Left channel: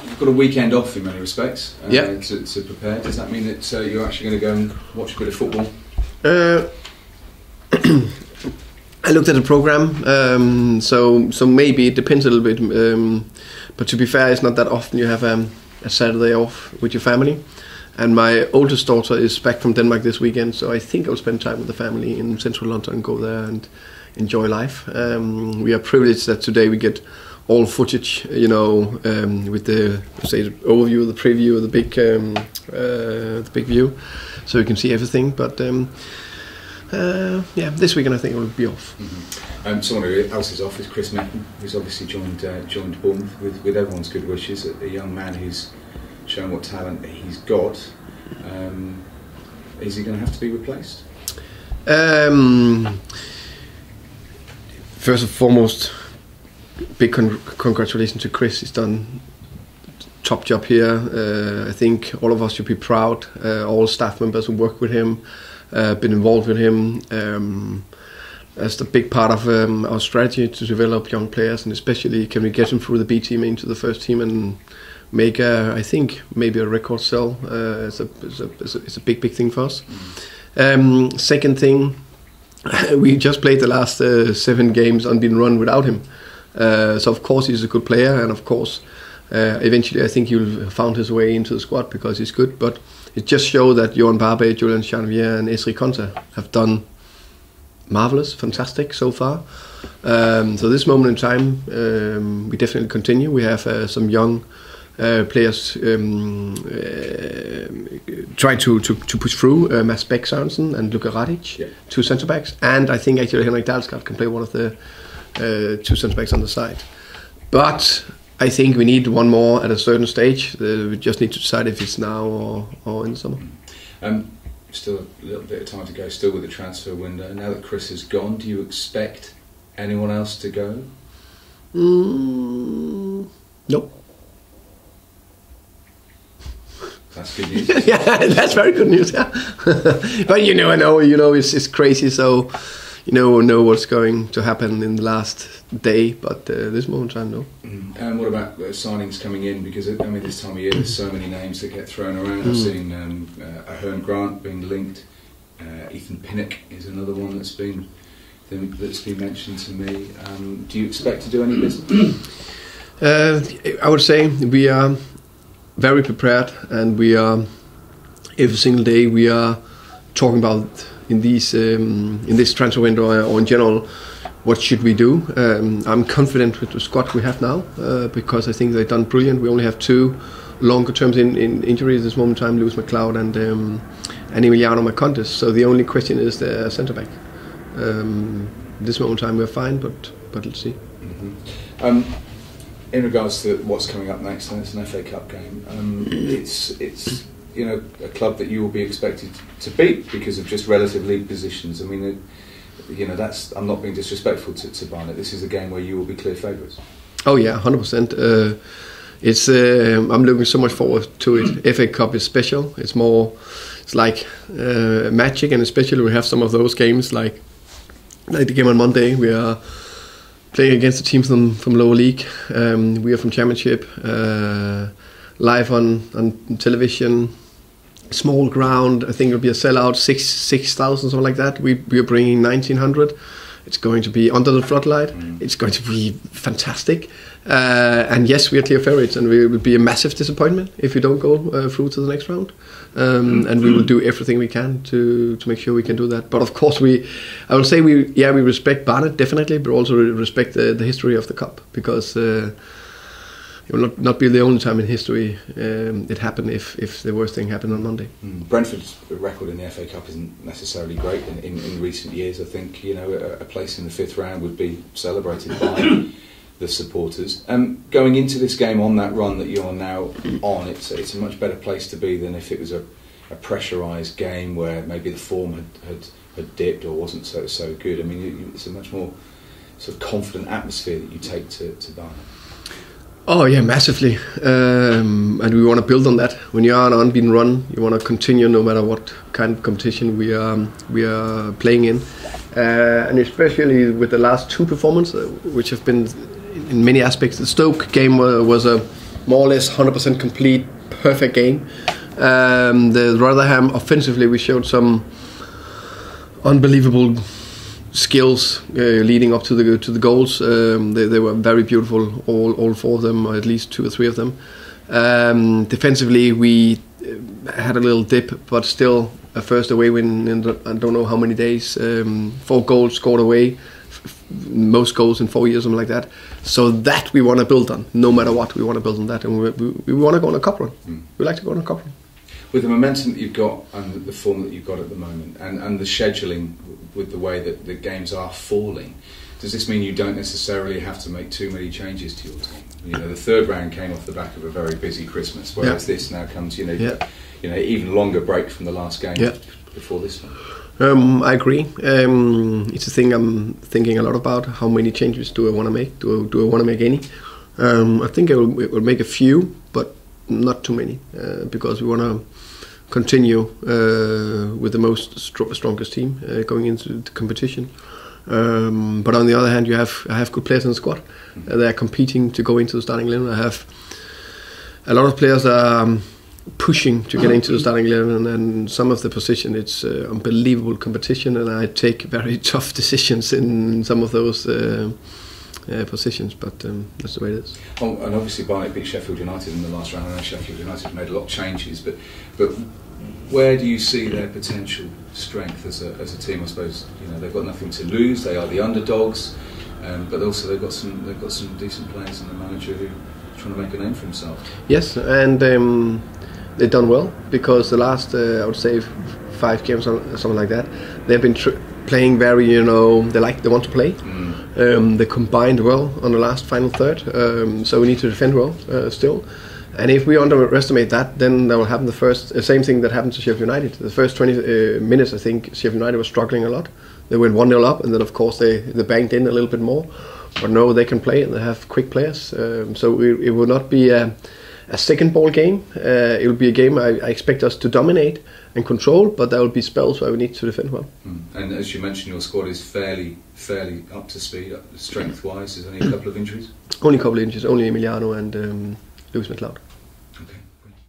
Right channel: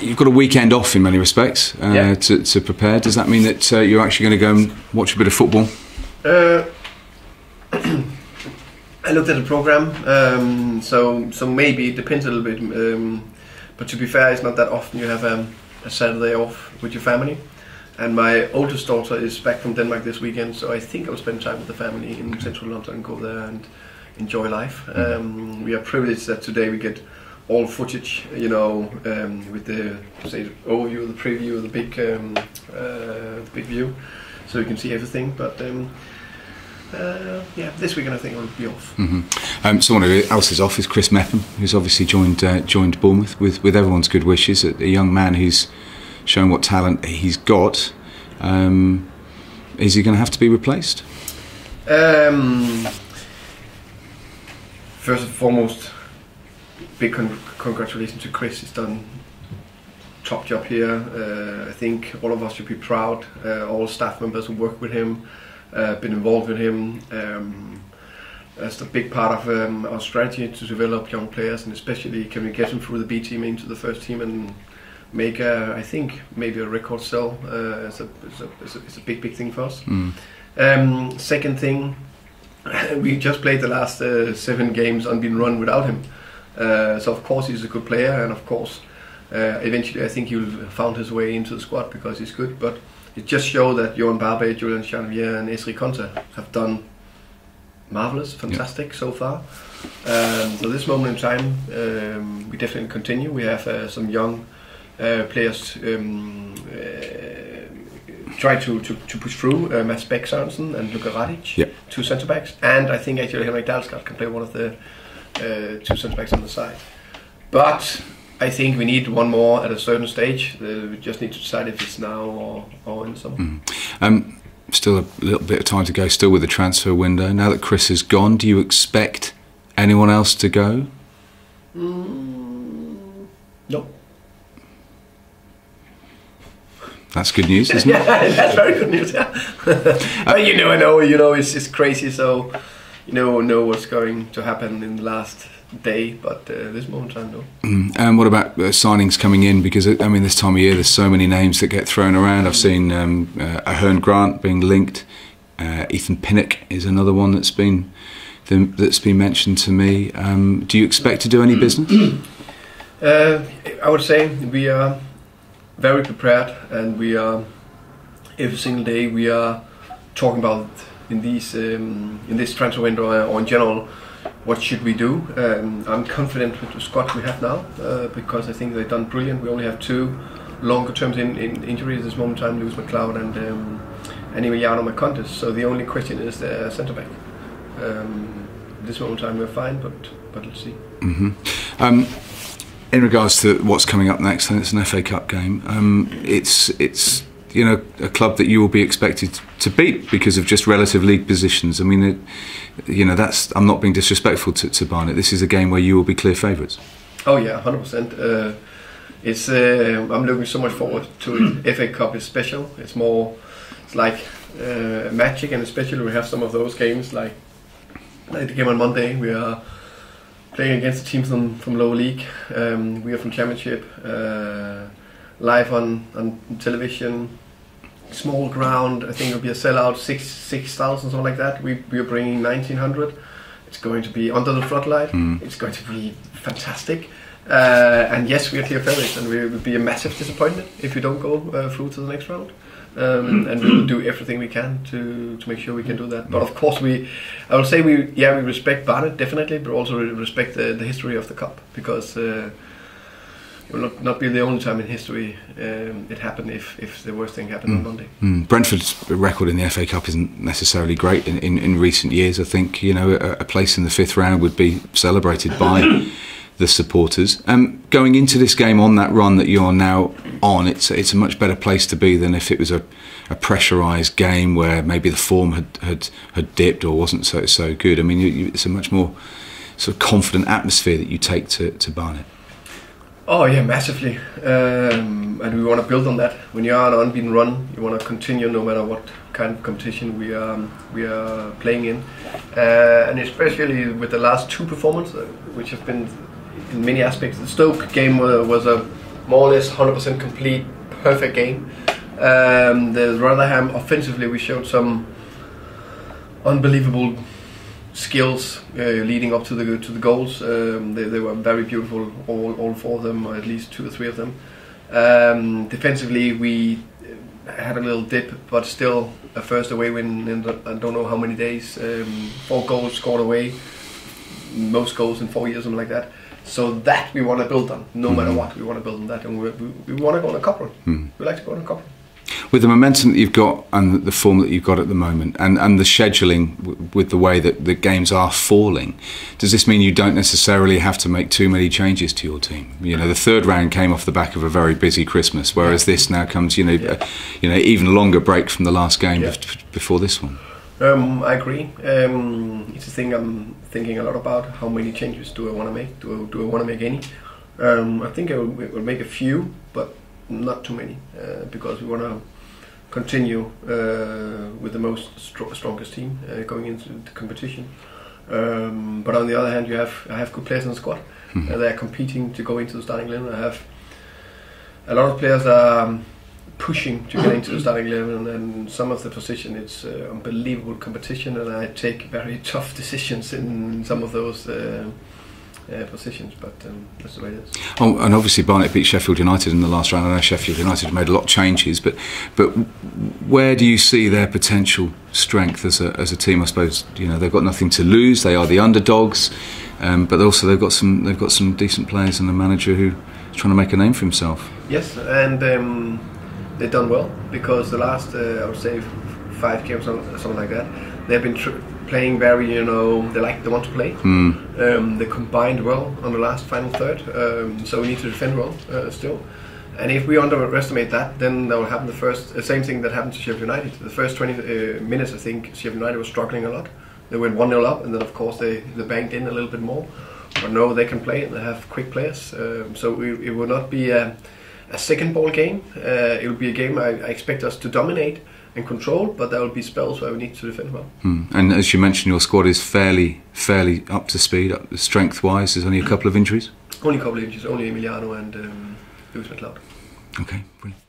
you've got a weekend off in many respects to prepare. Does that mean that you're actually going to go and watch a bit of football? I looked at the program, so maybe it depends a little bit. But to be fair, it's not that often you have a Saturday off with your family. And my oldest daughter is back from Denmark this weekend, so I think I'll spend time with the family in central London and go there and enjoy life. We are privileged that today we get all footage, with the overview, the preview, the big view, so you can see everything. But this weekend I think I'll be off. Mm-hmm. Someone else is off is Chris Mepham, who's obviously joined Bournemouth with everyone's good wishes. A young man who's shown what talent he's got. Is he going to have to be replaced? First and foremost, big congratulations to Chris. He's done top job here. I think all of us should be proud. All staff members who work with him, been involved with him. That's the big part of our strategy to develop young players, and especially can we get them through the B team into the first team and make I think maybe a record sell. It's a big thing for us. Second thing, we just played the last 7 games unbeaten run without him. So of course he's a good player, and of course eventually I think he'll have found his way into the squad because he's good. But it just shows that Johan Barbe, Julian Chanvier and Esri Konsa have done marvellous, fantastic so far. So this moment in time we definitely continue. We have some young players try to push through. Mads Bech Sørensen and Luka Radic, 2 centre backs, and I think actually Henrik Dalsgaard can play one of the 2 centre backs on the side. But I think we need one more at a certain stage. We just need to decide if it's now or in the summer. Still a little bit of time to go, still with the transfer window. Now that Chris is gone, do you expect anyone else to go? No. That's good news, isn't it? Yeah, that's very good news. Yeah. But you never know. It's crazy. So you never know what's going to happen in the last day. But this moment in time, no. And what about signings coming in? Because I mean, this time of year, there's so many names that get thrown around. I've seen Ahern Grant being linked. Ethan Pinnock is another one that's been mentioned to me. Do you expect to do any business? I would say we are very prepared, and we are every single day we are talking about in this transfer window or in general, what should we do. I'm confident with the squad we have now because I think they've done brilliant. We only have 2 longer terms in injuries at this moment in time, Lewis McLeod and Emiliano Marcondes. So the only question is the centre back. This moment in time we're fine, but let's see. In regards to what's coming up next, and it's an FA Cup game, it's a club that you will be expected to beat because of just relative league positions. I mean, that's, I'm not being disrespectful to Barnet. This is a game where you will be clear favourites. Oh yeah, 100%. I'm looking so much forward to it. FA Cup is special. It's like magic, and especially we have some of those games like the game on Monday. We are playing against a team from lower league. We are from Championship. Live on television. Small ground. I think it'll be a sellout. 6,000, something like that. We are bringing 1,900. It's going to be under the floodlight. It's going to be fantastic. And yes, we are clear favourites, and it will be a massive disappointment if we don't go through to the next round. And we will do everything we can to make sure we can do that. But of course, I would say we respect Barnet definitely, but also we respect the history of the cup, because it will not be the only time in history it happened if the worst thing happened on Monday. Brentford's record in the FA Cup isn't necessarily great in recent years. I think a place in the 5th round would be celebrated by the supporters. Going into this game on that run that you're now on, it's a much better place to be than if it was a pressurised game where maybe the form had dipped or wasn't so good. I mean, it's a much more sort of confident atmosphere that you take to Barnet. Oh yeah, massively, and we want to build on that. When you are on an unbeaten run, you want to continue no matter what kind of competition we are playing in, and especially with the last 2 performances, which have been in many aspects. The Stoke game was a more or less 100% complete, perfect game. The Rotherham offensively, we showed some unbelievable skills leading up to the goals. They were very beautiful, all 4 of them, or at least 2 or 3 of them. Defensively, we had a little dip, but still a first away win in I don't know how many days. 4 goals scored away, most goals in 4 years, something like that. So that we want to build on, no matter what. We want to build on that, and we want to go on a cup run. We like to go on a cup run. With the momentum that you've got and the form that you've got at the moment, and the scheduling with the way that the games are falling, does this mean you don't necessarily have to make too many changes to your team? You know, the 3rd round came off the back of a very busy Christmas, whereas this now comes, even longer break from the last game before this one. I agree. It's a thing I'm thinking a lot about. How many changes do I want to make? Do I want to make any? I think I will make a few, but not too many, because we want to continue with the most strongest team going into the competition. But on the other hand, I have good players in the squad. They are competing to go into the starting 11. I have a lot of players that are pushing to get into the starting 11, and some of the position, it's unbelievable competition, and I take very tough decisions in some of those positions, but that's the way it is. Oh, and obviously Barnet beat Sheffield United in the last round. I know Sheffield United have made a lot of changes, but where do you see their potential strength as a team? I suppose they've got nothing to lose. They are the underdogs, but also they've got some decent players and a manager who's trying to make a name for himself. Yes, and they've done well, because the last I would say 5 games, something like that, they've been playing very, they want to play. They combined well on the last final third, so we need to defend well still. And if we underestimate that, then that will happen the same thing that happened to Sheffield United. The first 20 minutes, I think Sheffield United was struggling a lot. They went 1-0 up, and then of course they banked in a little bit more. But no, they can play, and they have quick players. So it will not be a second ball game. It will be a game I expect us to dominate and control, but there will be spells where we need to defend well. And as you mentioned, your squad is fairly up to speed, strength-wise. There's only a couple of injuries? Only a couple of injuries, only Emiliano and Lewis McLeod. Okay, brilliant.